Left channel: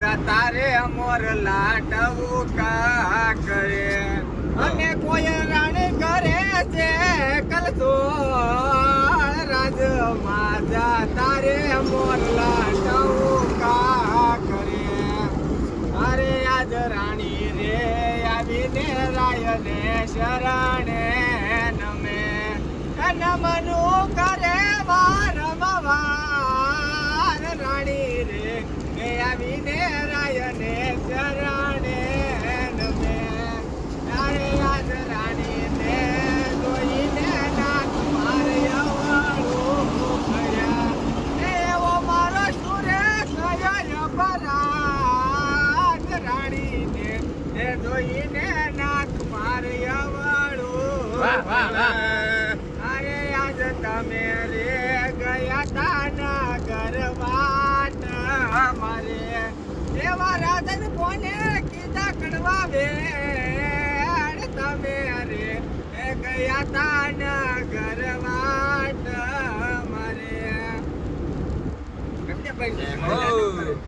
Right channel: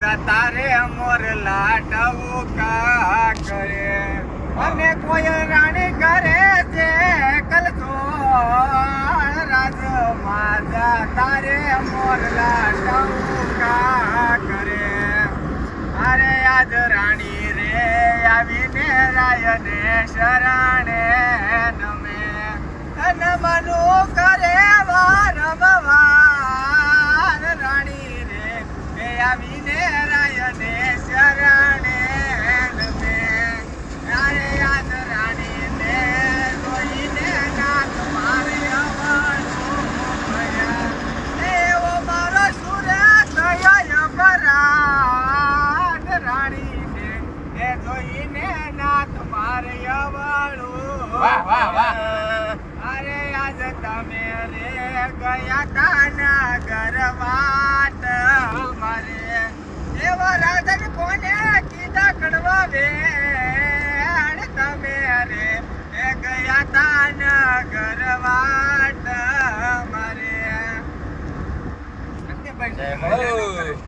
તારે મોર લાડવું કા કરે અને કોઈ રાણી કરે છે કલતો રાજ માજા તારે મોર લાડવું કા કરે અરે આજ રાણી રે આવીને રાયને શરણે નમે કન મનો કરે વારંવાર રાણી રે આવીને રાયને શરણે નમે આરે આજ રાણીને જોઈને નાથ મારે આવવાનું ભયા એવો મારો સુરત થયો પરાગ રાણીને જોઈને નાથ મારે આવવાનું વાહ વાહ વાહ અરે આજ તમે રે ગયા તાના ઘરવાટ મારે એવા રાજા કોને કીધા કડવા વે તમે રે એ ગયા તાના ઘરવાટ મારે જય મો